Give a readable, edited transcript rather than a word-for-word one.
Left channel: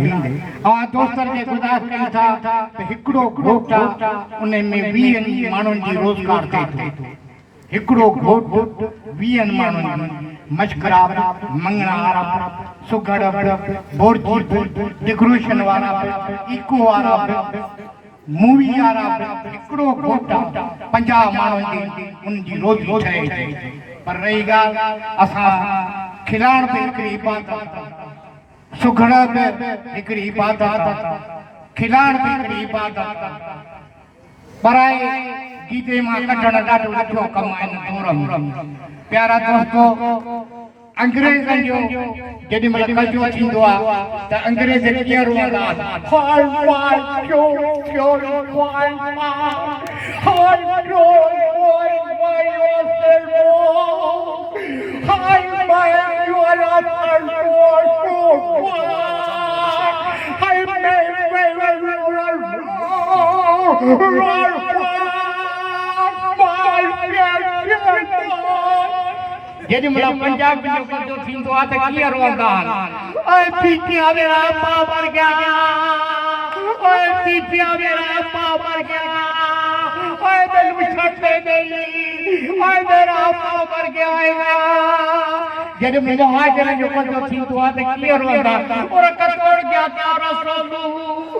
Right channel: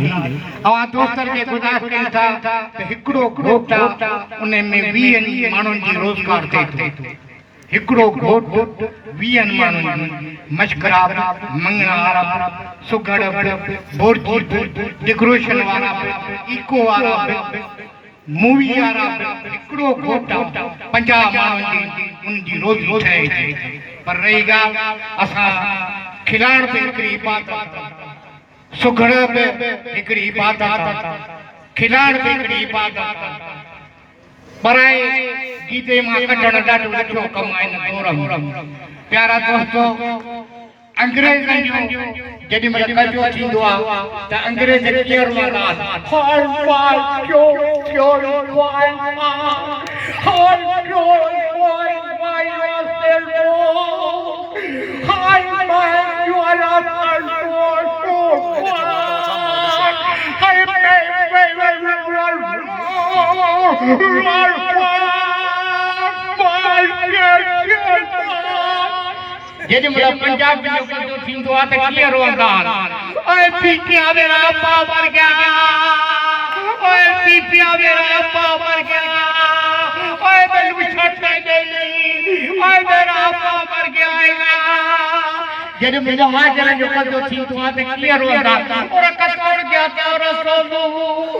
अवां दोस्तनि खे गुज़ारिश कयूं था त हिकिड़ो घोट उन में 20 माण्हुनि जी रोज़गार थिए थो। हिकिड़ो घोट 20 माण्हुनि जी मशकराब, मंगणार, सुगड़, बोरजी, डेकोरेशन वारा, इको वारा, मूवी वारा, हिकिड़ो घोट 50 माण्हुनि जी उनजी रोज़ी ठहे थी। पर रही ॻाल्हि असां खिलाइण ते हिकिड़ी इबादत, सुगड़ बि हिकिड़ी इबादत, खिलाइण बि हिकिड़ी इबादत, पराए गीते मां कढण ॾाढो ॾुखियो कमु आहिनि। प्यारा दोस्तो, अंग्रेज़नि जो जेॾी महिल कजो थींदो आहे त अंग्रेज़ कीअं रोअंदा जेॾी महिल पंजाब जो कजो थींदो आहे त कीअं रोअंदा आहिनि, ओए पीपिया मेरा पाव मर गया, ओए पीपिया मेरा पाव मर गया, ओए बेलू छट नहीं, ओए मेरा पाव मर गया है। जेॾी महिल हाजर जो कजो थींदो आहे त कीअं रोअंदा, और कतोड़ गया था रसूल।